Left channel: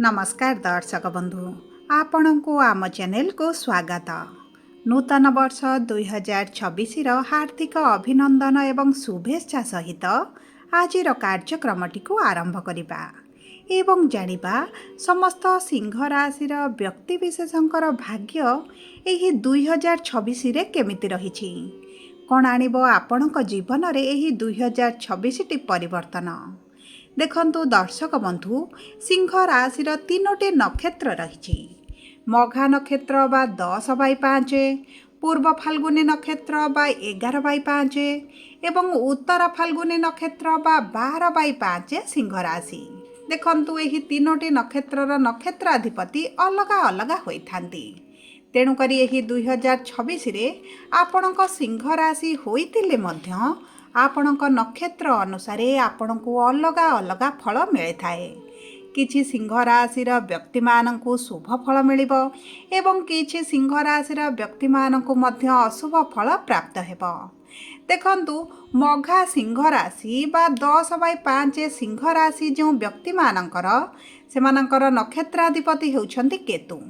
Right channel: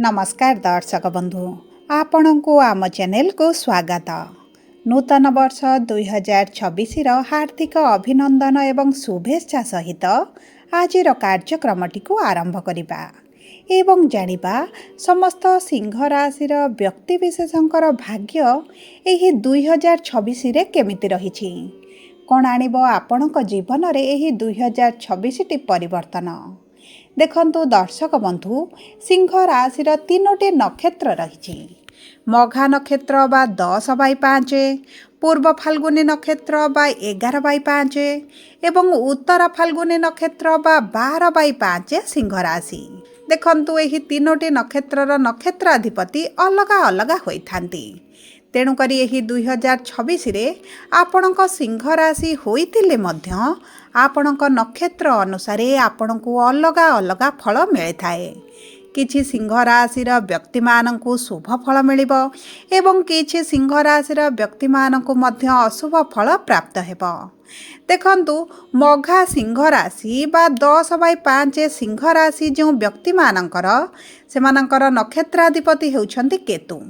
नमस्कार दर्शक बंधु आपण को आम चैनल को स्वागत। नूतन वर्ष 2026 हार्दिक अभिनंदन एवं शुभेच्छा सहित आज कार्यक्रमटी को आरंभ करिबा एवं जानिबा समस्त सिंह राशि व्यक्तिविशेषंकर भाग्य एही 2026 रे केमिति रहिछि कोन आनिबो आपणक जीवन रे एही 2026 टी परिवर्तन। देखंतु दर्शक बंधु सिंह राशि तीनोटी नक्षत्र रही मघा नक्षत्र बा 10/5, पूर्व फाल्गुनी नक्षत्र बा 11/5 एवं उत्तर फाल्गुनी नक्षत्र बा 12/5 सिंह राशि। देखंतु एही तीनोटी नक्षत्रर नक्षत्राधिपति अलग अलग होइथांती। तेणुकरी एही 2026 रे आपणक सिंह राशि होइतिले मध्य आपणक नक्षत्र अनुसार आपणको अलग अलग फल मिले थाए। किछि सिंह राशि व्यक्ति माननकु शुभ फल मिलिबो एवं किछि सिंह राशि व्यक्ति माननकु मध्य अशुभ फल प्राप्त हेबो। देखंतु मघा सिंह राशि बा 10/5 सिंह राशि जो व्यक्ति माननकर सेमानकर नक्षत्राधिपति हेउछंती केतु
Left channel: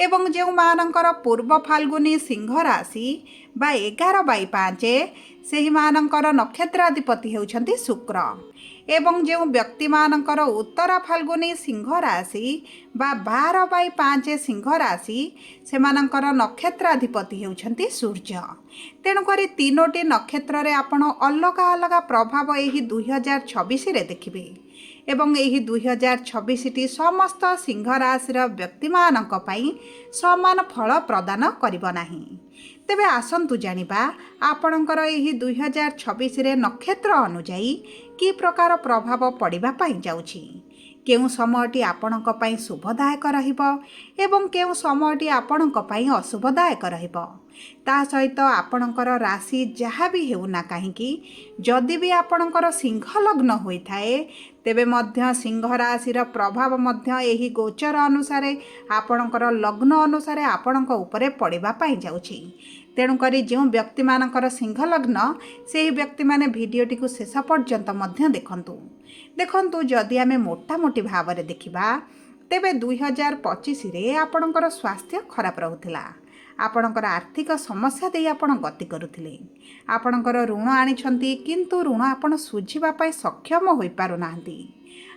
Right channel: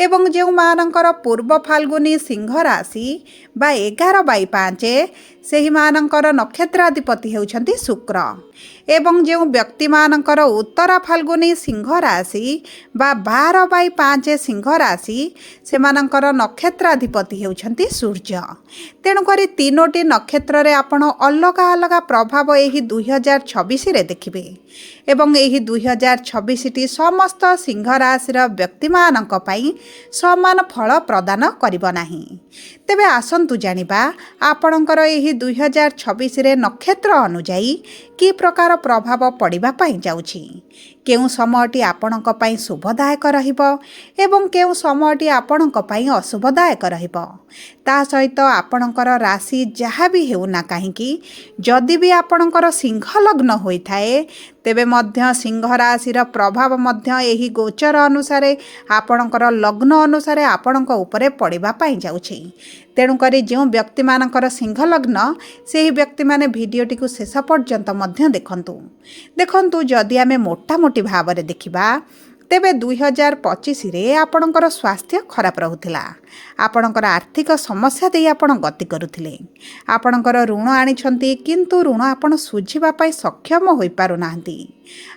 एवं जो मानकर पूर्व फाल्गुनी सिंह राशि बा 11/5 सेही मानकर नक्षत्राधिपति हेउछंती शुक्र एवं जो व्यक्ति मानकर उत्तर फाल्गुनी सिंह राशि बा 12/5 सिंह राशि सेमानकर नक्षत्राधिपति हेउछंती सूर्य। तेणुकरी तीनोटी नक्षत्र रे आपण अलग अलग प्रभाव एही 2026 रे देखिबे एवं एही 2026 टी समस्त सिंह राशि व्यक्ति मानक पई समान फल प्रदान करिबो नाही। तेबे आसंतु जानिबा आपणकर एही 2026 रे नक्षत्र अनुଯାयी कि प्रकार प्रभाव पड़िबा पई जाउछि, केउ समयटी आपणक पई शुभदायक रहिबो एवं केउ समयटी आपणक पई अशुभदायक रहिबो। ता सहित आपणकर राशि जहाँ भी हेउना काहेकि जदि भी आपणकर सिंह लग्न होइथाए तेबे मध्य सिंह राशिर प्रभाव मध्य एही गोचर अनुसार आपणकर लग्न अनुसार आपणक उपरे पड़िबा पई जाउछि। तेणुकरी जो व्यक्ति मानकर सिंह लग्न से व्यक्ति माने भिडियोटी को शेष पर्यंत मध्य देखंतु जदि आमे मोटा मोटी भाव में देखिबा तेबे 2025 रे आपणकर स्वास्थ्य खराब रहुथिला, आपणकर आर्थिक समस्या दे आपण गति करुथिले, आपणकर ऋण आनिछंती किंतु ऋण आपण सुझिबा पई सक्षम होई पारु नाहंती,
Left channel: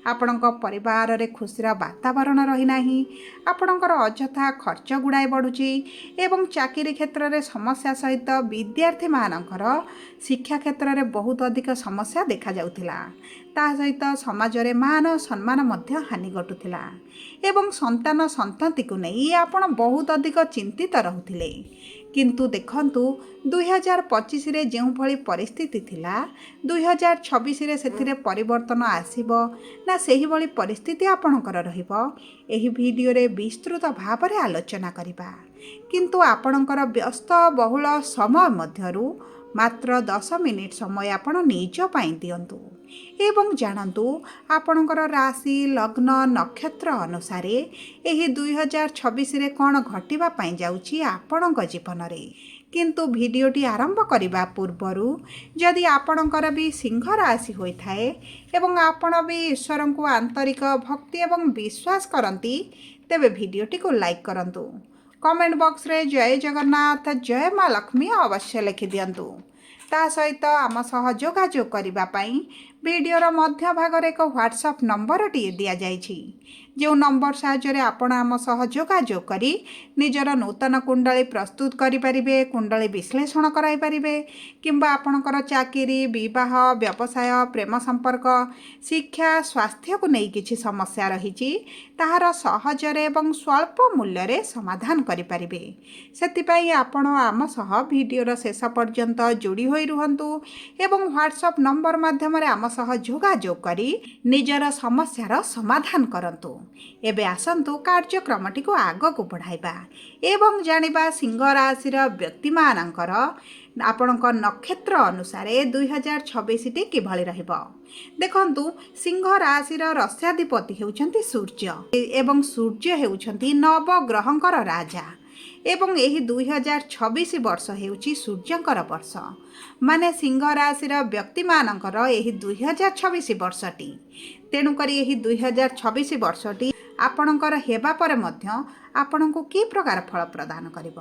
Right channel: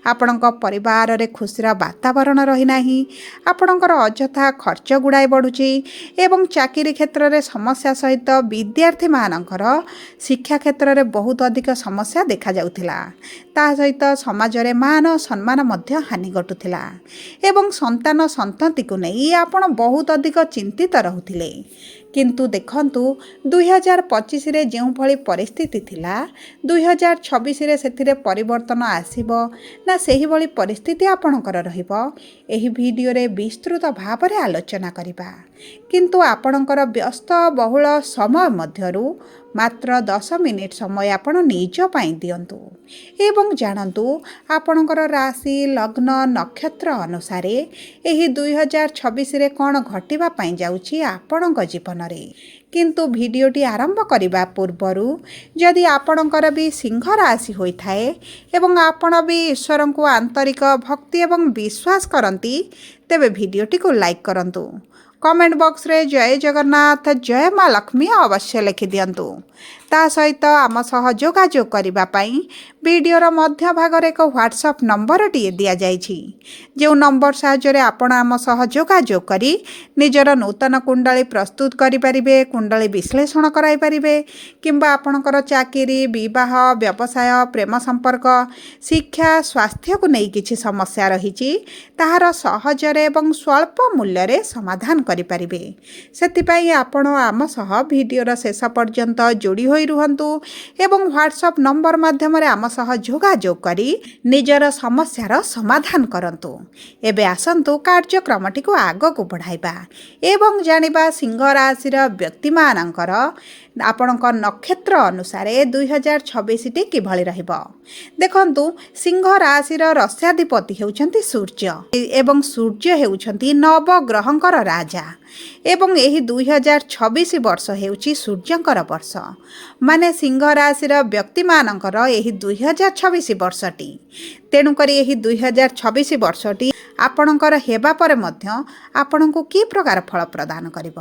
आपणक परिवार रे खुशीर वातावरण रही नाही, आपणकर अजथा खर्च गुड़ाई बढ़ुची एवं चाकरी क्षेत्र रे समस्या सहित विद्यार्थी मानकर शिक्षा क्षेत्र रे बहुत अधिक समस्या देखा जाउथिला। ता सहित समाज रे मान सम्मान मध्य हानि घटुथिला एवं संतान संतति को नहीं आपण बहुत अधिक चिंतित रहुथिले। किंतु देखंतु 2025 रे जो भली परिस्थिति थिला 2026 रे सेथिरे परिवर्तन आसीबो ना सेही भली परिस्थिति आपणकर रहिबो एही वीडियो रे विस्तृत भाव रे आलोचना करिबा। किंतु आपणकर व्यस्त बहुल समय मध्यरु मात्र 10 मिनिट समय आपण निज पाई दियंतु एवं जानतु आपणकर राशि लग्न नक्षत्र अनुसार एही 2026 रे कोन घटिबा पाई जाउची आपणक जीवन रे। किंतु वीडियोटी आरंभ करिबा पूर्वरु जदि आपणकर भी सिंह राशि होई थाए एवं आपण भी ईश्वर को आंतरिक भक्ति एवं विश्वास करंती तेबे वीडियोटी को लाइक करंतु, कमेंट बॉक्स रे जय जगन्नाथ जय माँ लक्ष्मी अवश्य लिखि दियंतु। ता सहित आम सह जोगाजोग करिबा पई वीडियोर मध्य भागरे एक व्हाट्सएप नंबर टी दिया जाइछि, जो नंबर साहाय्य आपण आम सह जोगाजोग करी निजर नूतन कुंडली प्रस्तुत करि परिबे, कुंडली विश्लेषण कराई परिबे किंबा आपणकर चाकरी विवाह व्यवसाय प्रेम संपर्क शिक्षा स्वास्थ्य को नहीं किछि समस्या रहिछि ताहार सहजरे एवं स्वल्प मूल्य रे समाधान करि परिबे। सेतिपई आपण आम सह वीडियोर शेष पर्यंत जोड़ी होई रुहंतु एवं व्हाट्सएप नंबर माध्यम रे आम सह जोगाजोग करी निजर समस्यार समाधान करंतु। एबे आसंतु कार्यक्रमटी को आग को बढ़ाइबा एवं जानिबा सिंह राशि व्यक्ति मानकर आपणक नक्षत्र अनुसार 2026 टी किभଳି रहिबो। देखंतु सिंह राशि रस्याधिपति हेउछंती सूर्य एवं सूर्य हेउछंती नवग्रहंकर राजा एवं यही 2026 वर्ष हेउची सूर्यंकर वर्ष माने सिंह राशि व्यक्ति मानकर यही 2026 वर्षटी। तेणुकर यही 2026 वर्षटी ଆପଣଙ୍କର ହେବା ପରେ ମଧ୍ୟ ଆପଣଙ୍କୁ କି ପ୍ରକାର ଫଳ ପ୍ରଦାନ କରିବ।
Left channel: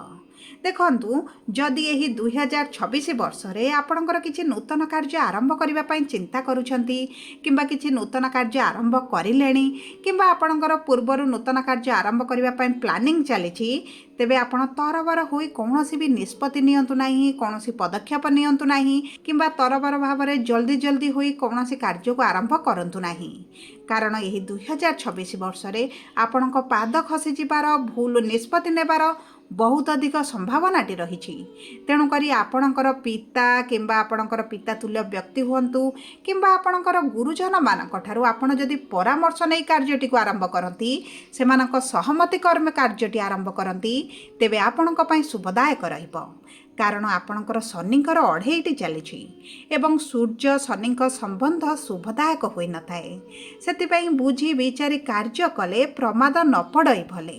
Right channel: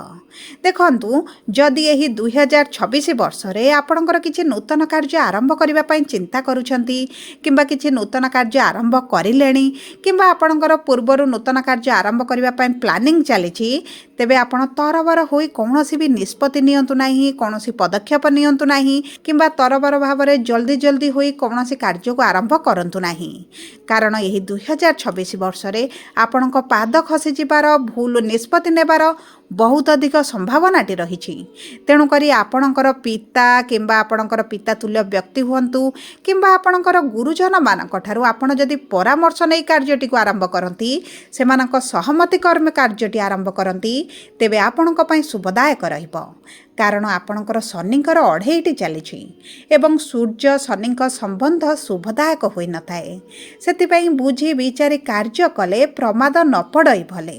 ଦେଖନ୍ତୁ, ଯଦି ଏହି 2026 ବର୍ଷରେ ଆପଣଙ୍କର କିଛି ନୂତନ କାର୍ଯ୍ୟ ଆରମ୍ଭ କରିବା ପାଇଁ ଚିନ୍ତା କରୁଛନ୍ତି କିମ୍ବା କିଛି ନୂତନ କାର୍ଯ୍ୟ ଆରମ୍ଭ କରିଲେଣି କିମ୍ବା ଆପଣଙ୍କର ପୂର୍ବରୁ ନୂତନ କାର୍ଯ୍ୟ ଆରମ୍ଭ କରିବା ପାଇଁ ପ୍ଲାନିଂ ଚାଲିଛି, ତେବେ ଆପଣ ତରବର ହୋଇ କୌଣସି ବି ନିଷ୍ପତ୍ତି ନିଅନ୍ତୁ ନାହିଁ, କୌଣସି ପଦକ୍ଷେପ ନିଅନ୍ତୁ ନାହିଁ କିମ୍ବା ତରବର ଭାବରେ ଜଲ୍ଦି ହୋଇ କୌଣସି କାର୍ଯ୍ୟକୁ ଆରମ୍ଭ କରନ୍ତୁ ନାହିଁ। କାରଣ ଏହି 2026 ବର୍ଷରେ ଆପଣଙ୍କ ପାଦ ଖସିଯିବାର, ଭୁଲ ନିଷ୍ପତ୍ତି ନେବାର ବହୁତ ଅଧିକ ସମ୍ଭାବନାଟି ରହିଛି। ତେଣୁକରି ଆପଣଙ୍କର ପିତା କିମ୍ବା ଆପଣଙ୍କର ପିତାତୁଲ୍ୟ ବ୍ୟକ୍ତି ହୁଅନ୍ତୁ କିମ୍ବା ଆପଣଙ୍କର ଗୁରୁଜନମାନଙ୍କ ଠାରୁ ଆପଣ ଯଦି ପରାମର୍ଶ ନେଇ କାର୍ଯ୍ୟଟିକୁ ଆରମ୍ଭ କରନ୍ତି, ସେମାନଙ୍କ ସହମତି କ୍ରମେ କାର୍ଯ୍ୟଟି ଆରମ୍ଭ କରନ୍ତି, ତେବେ ଆପଣଙ୍କ ପାଇଁ ଶୁଭଦାୟକ ରହିବ। କାରଣ ଆପଣଙ୍କର ଶନିଙ୍କର 28ଟି ଚାଲିଛି ଏବଂ ସୂର୍ଯ୍ୟ ଶନିଙ୍କ ସମ୍ବନ୍ଧ ଶୁଭଦାୟକ ହୋଇନଥାଏ। ସେଥିପାଇଁ ବୁଝି ବିଚାରି କାର୍ଯ୍ୟ କଲେ ପ୍ରମାଦ ନ ପଡ଼ଇ ଭଲେ।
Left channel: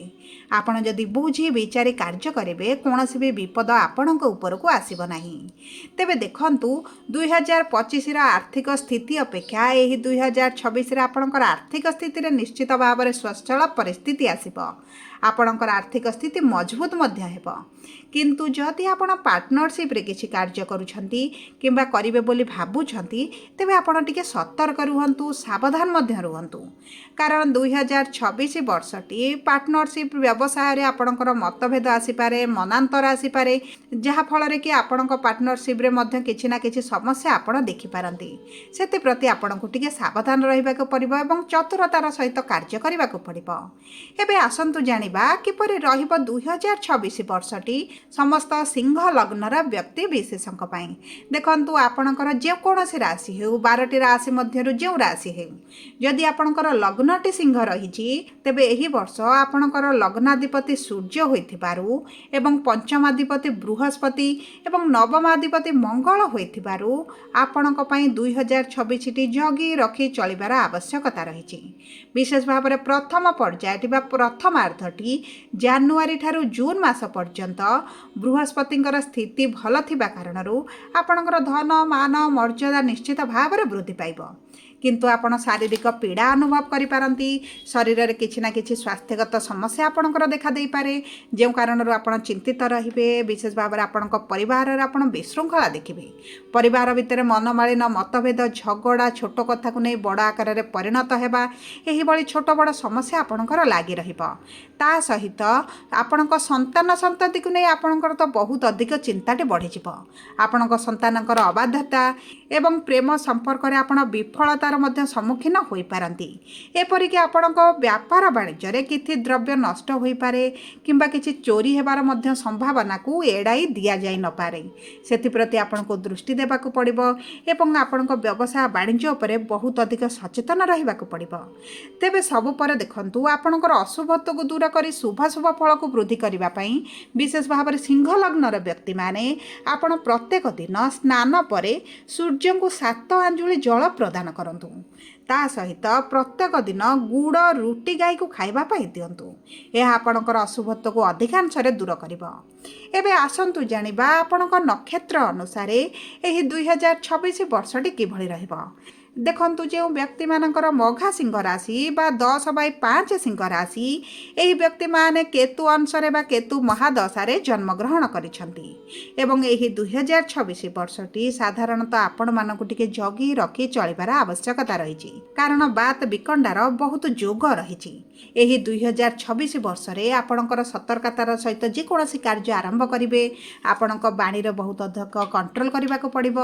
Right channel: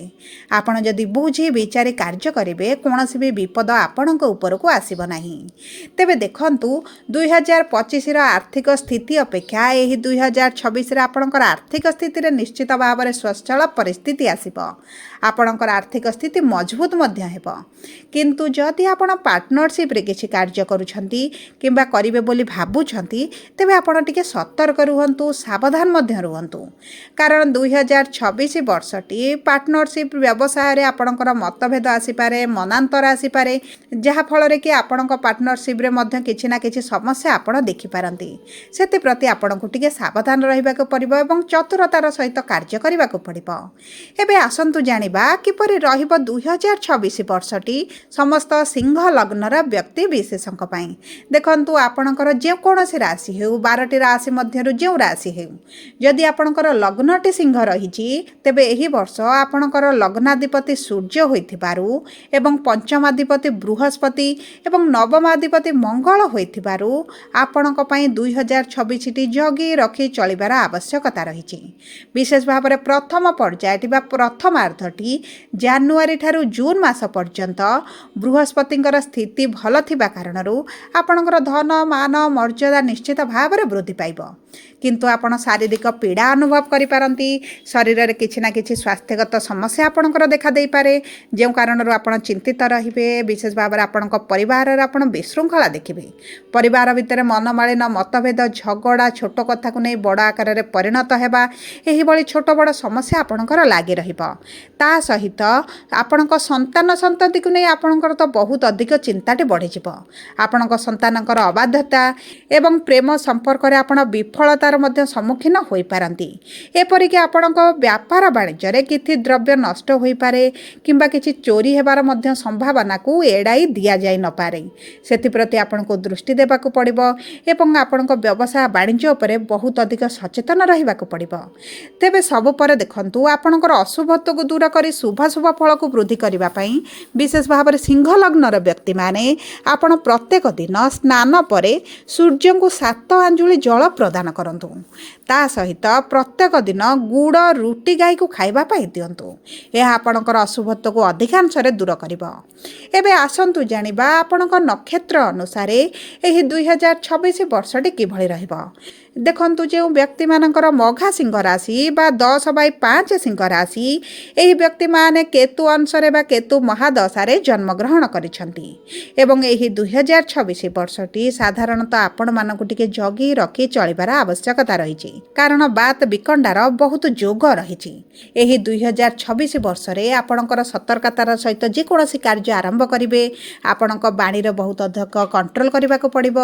ଆପଣ ଯଦି ବୁଝି ବିଚାରି କାର୍ଯ୍ୟ କରିବେ, କୌଣସି ବି ବିପଦ ଆପଣଙ୍କ ଉପରକୁ ଆସିବ ନାହିଁ। ତେବେ ଦେଖନ୍ତୁ, 2025ର ଆର୍ଥିକ ସ୍ଥିତି ଅପେକ୍ଷା ଏହି 2026ରେ ଆପଣଙ୍କର ଆର୍ଥିକ ସ୍ଥିତିରେ ନିଶ୍ଚିତ ଭାବରେ ସ୍ୱଚ୍ଛଳ ପରିସ୍ଥିତି ଆସିବ। ଆପଣଙ୍କର ଆର୍ଥିକ ସ୍ଥିତି ମଜବୁତ ମଧ୍ୟ ହେବ। କିନ୍ତୁ ଯଦି ଆପଣ ପାର୍ଟନରସିପ୍ରେ କିଛି କାର୍ଯ୍ୟ କରୁଛନ୍ତି କିମ୍ବା କରିବେ ବୋଲି ଭାବୁଛନ୍ତି, ତେବେ ଆପଣ ଟିକେ ସତର୍କ ରୁହନ୍ତୁ, ସାବଧାନ ମଧ୍ୟ ରୁହନ୍ତୁ। କାରଣ 2026 ବର୍ଷଟି ପାର୍ଟନରସିପ୍ ବ୍ୟବସାୟରେ ଆପଣଙ୍କର ମତଭେଦ ଆସିପାରେ, ମନାନ୍ତର ଆସିପାରେ, ଯାହାଫଳରେ କି ଆପଣଙ୍କ ପାର୍ଟନରସିପ୍ରେ ମଧ୍ୟ କିଛି ନା କିଛି ସମସ୍ୟା ଆପଣ ଦେଖିପାରନ୍ତି। ସେଥିପ୍ରତି ଆପଣଙ୍କୁ ଟିକେ ସାବଧାନ ରହିବାକୁ ପଡ଼ିବ ଏବଂ ଚତୁରତାର ସହିତ କାର୍ଯ୍ୟ କରିବାକୁ ପଡ଼ିବ। ଏବେ ଆସନ୍ତୁ ଜାଣିବା କିପରି ରହିବ 2026 ବର୍ଷଟି ସମସ୍ତ ସିଂହ ଲଗ୍ନର ବ୍ୟକ୍ତି ବିଶେଷଙ୍କ ପାଇଁ। ଦେଖନ୍ତୁ, ଆପଣଙ୍କର ଯେକୌଣସି ରାଶି ହେଉ, 12ଟି ରାଶି ମଧ୍ୟରୁ ଯେଉଁ ରାଶି ହେଉ, ଯଦି ଆପଣଙ୍କର ଲଗ୍ନଟି ସିଂହ ରହିଛି, ତେବେ ଏହି ବର୍ଷ ଆପଣଙ୍କର ଲଗ୍ନାଧିପତି ସୂର୍ଯ୍ୟ ହୋଇଥିବାରୁ ଏବଂ ପଞ୍ଚମାଧିପତି ବୃହସ୍ପତି ଏବଂ ନବମାଧିପତି ମଙ୍ଗଳ ହୋଇଥିବାରୁ ଆପଣଙ୍କ ପାଇଁ 2026ଟି ଜଗି ରଖି ଚଳିବାର ଆବଶ୍ୟକତା ରହିଛି। ବିଶେଷ ଭାବରେ ପ୍ରଥମ ପର୍ଯ୍ୟାୟଟି ବା ପ୍ରଥମାର୍ଦ୍ଧଟି ଜାନୁଆରୀ ଠାରୁ ଜୁନ୍ ମାସ ପର୍ଯ୍ୟନ୍ତ ବୃହସ୍ପତିଙ୍କର ସ୍ଥିତି ଭଲ ଥିବା କାରଣରୁ ଆପଣଙ୍କର ଧନ ମାନ ମର୍ଯ୍ୟାଦା ନିଶ୍ଚିତ ଭାବରେ ବୃଦ୍ଧି ପାଇବ। କିନ୍ତୁ ଆପଣ ଶାରୀରିକ ପୀଡ଼ା ଅନୁଭବ କରିପାରନ୍ତି। ଶରୀରରେ କିଛି ନା କିଛି ସ୍ୱାସ୍ଥ୍ୟଗତ ସମସ୍ୟା ଆପଣଙ୍କର ଦେଖାଦେଇପାରେ, ଯେଉଁ କାରଣରୁ ଆପଣ ଚିନ୍ତିତ ରହିବେ। ବିଶେଷ ଭାବରେ ଆପଣଙ୍କ ପରିବାରରେ ଆପଣ ବିଶୃଙ୍ଖଳା ଦେଖିବେ। ପରିବାର ଭିତରେ ମନମାଳିନ, ମତଭେଦ, ଝଗଡ଼ା, ଛୋଟ କଥାକୁ ନେଇ ବଡ଼ ଆକାରରେ ପରିଣତ ହେବା, ଏହିଭଳି ଛୋଟ ବଡ଼ ସମସ୍ୟା ଆପଣଙ୍କର ଲାଗି ରହିବ। ତା ସହିତ ଆପଣଙ୍କ ସନ୍ତତିକୁ ନେଇ ଆପଣଙ୍କର ତ ବହୁତ ଅଧିକ ଚିନ୍ତାଟି ବଢ଼ିଯିବ। ଆପଣଙ୍କ ସନ୍ତାନଙ୍କର ଅବାଧ୍ୟତା ଏବଂ ପ୍ରେମ ସମ୍ପର୍କରେ ଆପଣ ବିଫଳତାର ମଧ୍ୟ ସମ୍ମୁଖୀନ ହୋଇପାରନ୍ତି। ଏପରିକି ଆପଣଙ୍କ ବ୍ୟାପାର ବାଣିଜ୍ୟରେ କିଛି ଦ୍ରବ୍ୟ ନଷ୍ଟ ହୋଇପାରେ କିମ୍ବା କିଛି ଚୋରି ହେବାର ମଧ୍ୟ ସମ୍ଭାବନାକୁ ଏଡ଼ାଇ ଦିଆଯାଇ ନପାରେ। ସେଥିପ୍ରତି ଆପଣଙ୍କୁ ଦୃଷ୍ଟି ଦେବାକୁ ପଡ଼ିବ ଏବଂ ଆପଣଙ୍କ ବ୍ୟବସାୟ ବାଣିଜ୍ୟ ଉପରେ ବହୁତ ଅଧିକ ସଚେତନ ରହିବାକୁ ପଡ଼ିବ। ତେବେ ସବୁ ପରେ ଦେଖନ୍ତୁ, ଆପଣଙ୍କର ଅଶୁଭତ୍ୱକୁ ଦୂର କରି ଶୁଭାଶୁଭ ଫଳକୁ ବୃଦ୍ଧି କରିବା ପାଇଁ ବିଶେଷ ଭାବରେ ସିଂହ ଲଗ୍ନର ବ୍ୟକ୍ତିମାନେ ଆପଣ ପ୍ରତ୍ୟେକ ଦିନ ସ୍ନାନ ପରେ ସୂର୍ଯ୍ୟଙ୍କୁ 7 ଆଞ୍ଜୁଳି ଜଳ ପ୍ରଦାନ କରନ୍ତୁ। ତା ସହିତ ପ୍ରତ୍ୟେକ ଦିନ ଗୁଡ଼ ରୁଟି ଗାଈକୁ ଖାଇବା ପାଇଁ ଦିଅନ୍ତୁ। ଏହା ଆପଣଙ୍କର ଅଶୁଭତ୍ୱକୁ ଅଧିକାଂଶରେ ଦୂର କରିବ। ଏବେ ଆସନ୍ତୁ ଜାଣିବା ଆପଣଙ୍କ ନକ୍ଷତ୍ର ଅନୁସାରେ ଏହି 2026 ବର୍ଷଟି କିଭଳି ରହିବ। ଦେଖନ୍ତୁ, ଯେଉଁ ବ୍ୟକ୍ତିମାନଙ୍କର ମଘା ସିଂହ ରାଶି ବା 10/5 ସିଂହ ରାଶି, ଏହି ବ୍ୟକ୍ତିମାନେ କେତୁ ଅଂଶରେ ବା କେତୁ ମହାଦଶାରେ ଜନ୍ମଗ୍ରହଣ କରିଛନ୍ତି ଏବଂ ଏହି 2026 ବର୍ଷଟି ସାଧାରଣତଃ ଆପଣମାନଙ୍କୁ ଟିକେ ଜଗି ରଖି ଚଳିବାର ଆବଶ୍ୟକତା ରହିଛି। କାରଣ ବାତ ବିକଣ୍ଡାର ବହୁତ ଯୋଗ ରହିଛି। ଏହି 2026 ବର୍ଷରେ ଆପଣଙ୍କର ସତର୍କତାର ସହିତ ଯେକୌଣସି କାର୍ଯ୍ୟ ଆରମ୍ଭ କରିବେ, ଆପଣଙ୍କ ବାଣୀର ବହୁତ ଅଧିକ କଣ୍ଟ୍ରୋଲ କରିବାକୁ ପଡ଼ିବ।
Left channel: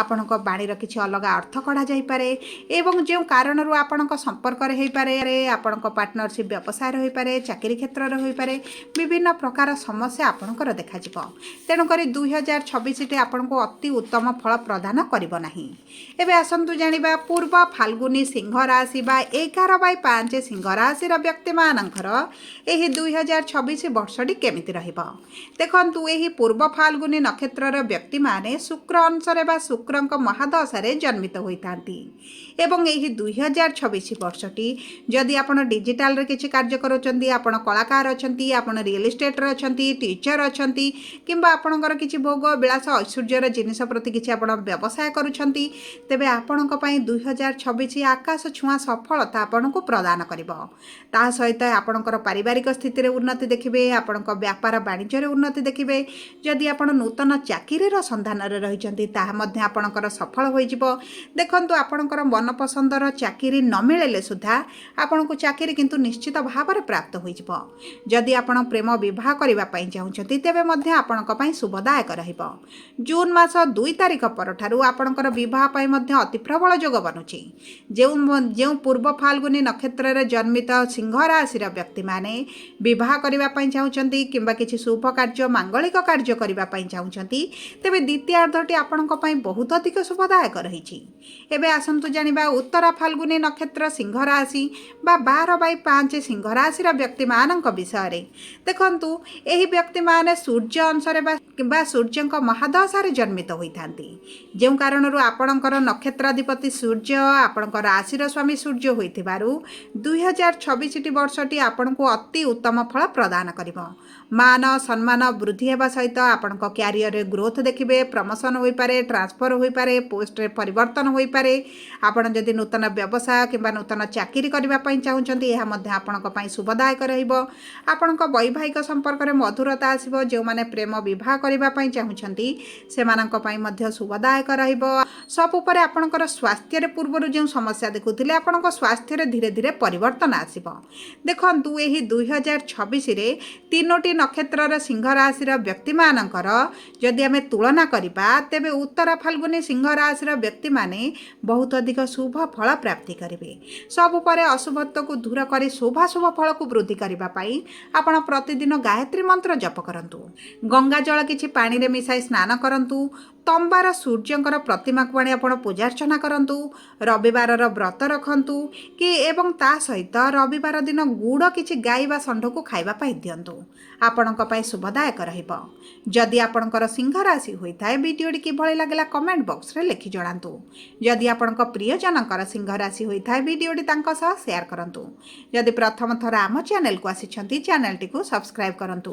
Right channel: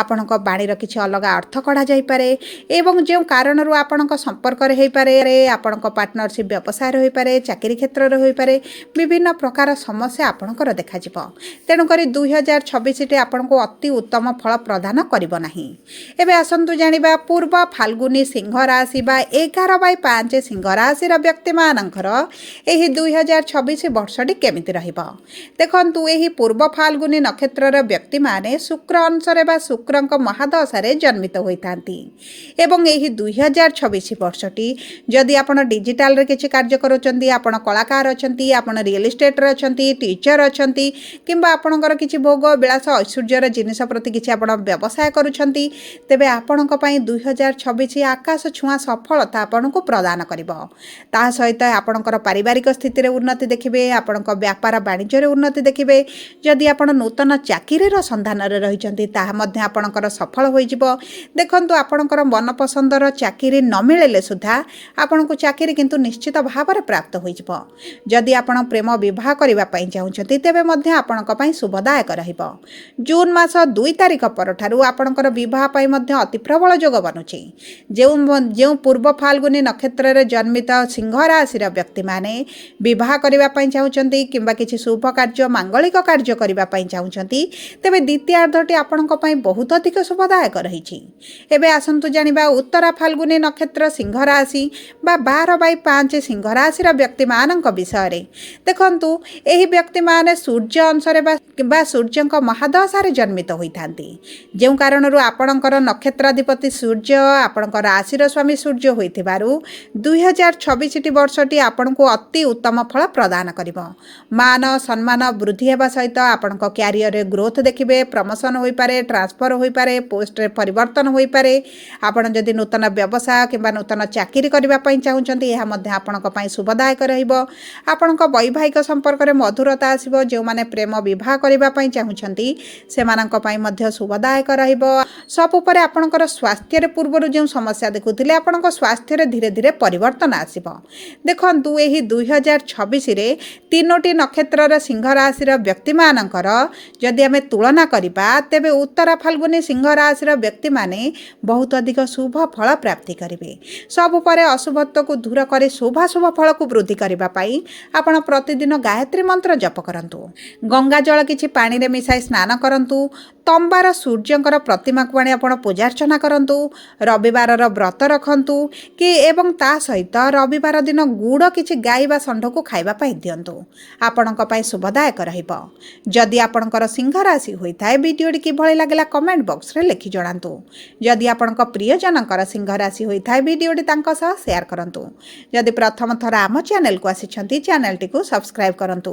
ଆପଣଙ୍କ ବାଣୀର କିଛି ଅଲଗା ଅର୍ଥ କଢ଼ାଯାଇପାରେ ଏବଂ ଯେଉଁ କାରଣରୁ ଆପଣଙ୍କ ସମ୍ପର୍କରେ ହୋଇପାରେ, ଆପଣଙ୍କ ପାର୍ଟନରସିପ୍ ବ୍ୟବସାୟରେ ହୋଇପାରେ, ଚାକିରି କ୍ଷେତ୍ରରେ ହୋଇପାରେ, ବିଭିନ୍ନ ପ୍ରକାର ସମସ୍ୟା ଆପଣଙ୍କର ଦେଖାଯିବ। ତେଣୁକରି 2026ଟି ଆପଣଙ୍କୁ ଅତି ଉତ୍ତମ ଫଳ ପ୍ରଦାନ କରିବ ନାହିଁ। ଏବେ ଆସନ୍ତୁ ଜାଣିବା ପୂର୍ବ ଫାଲ୍ଗୁନୀ ସିଂହ ରାଶି ବା 11/5 ସିଂହ ରାଶିର ବ୍ୟକ୍ତିମାନଙ୍କର ଏହି 2026 ବର୍ଷଟି କେମିତି ରହିବ। ଦେଖନ୍ତୁ, ଏହି ପୂର୍ବ ଫାଲ୍ଗୁନୀ ନକ୍ଷତ୍ରର ବ୍ୟକ୍ତିମାନେ ଶୁକ୍ର ଅଂଶରେ ବା ଶୁକ୍ରଙ୍କ ମହାଦଶାରେ ଜନ୍ମିତ ହୋଇଥାନ୍ତି ଏବଂ ଏହି 2026 ବର୍ଷଟି ଯଦି ଆପଣ ଡିଜିଟାଲରେ କିଛି କାର୍ଯ୍ୟ କରୁଛନ୍ତି, ଆପଣ କଳାକାର ଅଛନ୍ତି, ଆପଣ ରିଏଲ୍ ଇଷ୍ଟେଟ୍ରେ ଅଛନ୍ତି, ଟିଚର ଅଛନ୍ତି, କିମ୍ବା ଆପଣଙ୍କର କିଛି ଭୋଗ ବିଳାସ ଐଶ୍ୱର୍ଯ୍ୟର ଜିନିଷ ପ୍ରତି କିଛି ଆପଣ ବ୍ୟବସାୟ କରୁଛନ୍ତି, ତେବେ ଆପଣଙ୍କ ପାଇଁ 2026 ଆକାଶ ଛୁଆଁ ସଫଳତା ଆପଣଙ୍କୁ ପ୍ରଦାନ କରିବ। ତା ସହିତ ଆପଣଙ୍କର ପାରିବାରିକ ସ୍ଥିତିରେ ଉନ୍ନତି ଦେଖିବେ, ଆପଣଙ୍କ ବ୍ୟାପାର ବାଣିଜ୍ୟରେ ଉନ୍ନତି ଦେଖିବେ। ଯଦି ଆପଣ ନୂତନ ଚାକିରିର ସନ୍ଧାନରେ ରହିଛନ୍ତି ତାହା ମଧ୍ୟ ଆପଣଙ୍କର ସଫଳ ହୋଇଯିବ। ଦେଖନ୍ତୁ, ଆପଣଙ୍କର ମନପସନ୍ଦର ଚାକିରି ନ ମିଳିଲେ ସୁଦ୍ଧା ଆପଣଙ୍କୁ ଚାକିରି କିନ୍ତୁ ନିଶ୍ଚିତ ଭାବରେ ପ୍ରାପ୍ତ ହୋଇଯିବ। ଯଦି ଆପଣ ପ୍ରେମ ବିବାହ କରିବା ପାଇଁ ଚାହୁଁଛନ୍ତି ତେବେ ମଧ୍ୟ ଆପଣଙ୍କ ପାଇଁ ଶୁଭଦାୟକ ରହିବ। ଜୁନ୍ ମାସ 2 ତାରିଖ ପରଠାରୁ ଆପଣଙ୍କର ବିବାହ ପାଇଁ ମଧ୍ୟ ଅତି ପ୍ରବଳ ଯୋଗ ବନୁଛି। ଯେଉଁ ପୂର୍ବ ଫାଲ୍ଗୁନୀ ନକ୍ଷତ୍ରରେ ଜନ୍ମିତ ସିଂହ ରାଶିର ବ୍ୟକ୍ତିମାନେ ବିବାହ କରିବା ପାଇଁ ଚାହୁଁଛନ୍ତି କିମ୍ବା କିଛି ଶୁଭ କାର୍ଯ୍ୟ ମାଙ୍ଗଳିକ କାର୍ଯ୍ୟ କରିବା ପାଇଁ ଚାହୁଁଛନ୍ତି ତେବେ ଦ୍ୱିତୀୟାର୍ଦ୍ଧଟି ଆପଣଙ୍କ ପାଇଁ ବହୁତ ଅଧିକ ଶୁଭଦାୟକ ରହିଛି। ଏବେ ଆସନ୍ତୁ ଜାଣିବା ଉତ୍ତରା ଫାଲ୍ଗୁନୀ ନକ୍ଷତ୍ର ସିଂହ ରାଶି ବା 12/5 ସିଂହ ରାଶିର ବ୍ୟକ୍ତିମାନଙ୍କ ବିଷୟରେ। ଦେଖନ୍ତୁ, ଏହି ବ୍ୟକ୍ତିମାନେ ସୂର୍ଯ୍ୟ ଅଂଶରେ ବା ସୂର୍ଯ୍ୟଙ୍କ ମହାଦଶାରେ ଜନ୍ମିତ ହୋଇଥାନ୍ତି। ଯେଉଁ କାରଣରୁ ଆପଣଙ୍କର ନକ୍ଷତ୍ରାଧିପତି ସୂର୍ଯ୍ୟ ଆପଣଙ୍କ ରାଶିର ସ୍ୱାମୀ ସୂର୍ଯ୍ୟ ହୋଇଥିବାରୁ 2026ଟି ବର୍ଷଟି ଆପଣଙ୍କୁ ଅତି ଉତ୍ତମ ଫଳ ପ୍ରଦାନ କରିବ। ମାନ ସମ୍ମାନ ବୃଦ୍ଧି ହେବା ସହିତ ଆପଣଙ୍କ କ୍ୟାରିୟରରେ ଗ୍ରୋଥ ଦେଖିବେ। ପ୍ରମୋସନ୍ ହୋଇପାରେ, ଟ୍ରାନ୍ସଫର ହୋଇପାରେ, ପୋଷ୍ଟରେ ପରିବର୍ତ୍ତନ ହୋଇପାରେ। ଆପଣ ଯଦି ନୂତନ ବ୍ୟବସାୟ କିମ୍ବା ନୂତନ ଚାକିରି କରିବା ପାଇଁ ଚାହୁଁଛନ୍ତି ଏହା ମଧ୍ୟ ଆପଣଙ୍କ ପାଇଁ ଶୁଭଦାୟକ ରହିବ। ଆପଣଙ୍କ ବୈବାହିକ ସମ୍ପର୍କରେ ମଧୁରତା ଆସିବ। ଯେଉଁମାନେ ପ୍ରେମ ବିବାହ କରିବା ପାଇଁ ଚାହୁଁଛନ୍ତି ସେମାନଙ୍କ ପାଇଁ ମଧ୍ୟ ଶୁଭଦାୟକ ରହିବ। ସବୁପରେ ଆପଣଙ୍କର ସ୍ୱାସ୍ଥ୍ୟରେ ପୂର୍ବରୁ ଯେଉଁ ସମସ୍ୟା ଦେଖୁଥିଲେ ଆପଣଙ୍କ ସ୍ୱାସ୍ଥ୍ୟରେ ଧୀରେ ଧୀରେ ପରିବର୍ତ୍ତନ ଆସିବ। ଦେଖନ୍ତୁ, ଏହି 2026ରେ 3ଟି ନକ୍ଷତ୍ରର ସିଂହ ରାଶିର ବ୍ୟକ୍ତିମାନଙ୍କର ଯଦି ଆମେ ତୁଳନା କରିବା ତେବେ ଉତ୍ତରା ଫାଲ୍ଗୁନୀ ସିଂହ ରାଶିର ବ୍ୟକ୍ତିମାନେ ବହୁତ ଅଧିକ ଶୁଭ ଫଳ ପ୍ରାପ୍ତି କରିବେ। ସବୁପରେ ଅଶୁଭତ୍ୱକୁ ଦୂର କରି ଶୁଭାଶୁଭ ଫଳକୁ ବୃଦ୍ଧି କରିବା ପାଇଁ ଆପଣ ପ୍ରତିଦିନ ଗାୟତ୍ରୀ ମନ୍ତ୍ର ଜପ କରନ୍ତୁ। ଗଙ୍ଗା ଜଳ କିଛି ପାଣିରେ ମିଶାଇ ସ୍ନାନ କରନ୍ତୁ। ତମ୍ବାର ସୂର୍ଯ୍ୟଙ୍କର ପ୍ରତିମାକୁ ଆଣି ଆପଣ ପୂଜାର୍ଚ୍ଚନା କରନ୍ତୁ। ରବିବାରର ବ୍ରତ ରଖନ୍ତୁ ଏବଂ ତା ସହିତ ରବିବାର ଦିନ ଗୁଡ଼ କିଛି ଗାଈ ବା ଷଣ୍ଢକୁ ଖାଇବା ପାଇଁ ଦିଅନ୍ତୁ। ଆପଣଙ୍କ ପାଇଁ ଶୁଭଦାୟକ ରହିବ। ଯଦି ଆପଣଙ୍କର ସିଂହ ରାଶି ହୋଇଥାଏ ଭିଡ଼ିଓଟି କିଭଳି ଲାଗିଲା କମେଣ୍ଟ ବକ୍ସରେ ଲେଖି ଜଣାନ୍ତୁ। ଯଦି ଆପଣଙ୍କ ପ୍ରିୟଜନଙ୍କର ସିଂହ ରାଶି ହୋଇଥାଏ ଭିଡ଼ିଓଟି ତାଙ୍କ ସହ ସେୟାର କରନ୍ତୁ। ଯଦି ପ୍ରଥମ ଥର ଆମ ଚ୍ୟାନେଲକୁ ଆସିଛନ୍ତି ଚ୍ୟାନେଲଟିକୁ ସବସ୍କ୍ରାଇବ୍ କରନ୍ତୁ।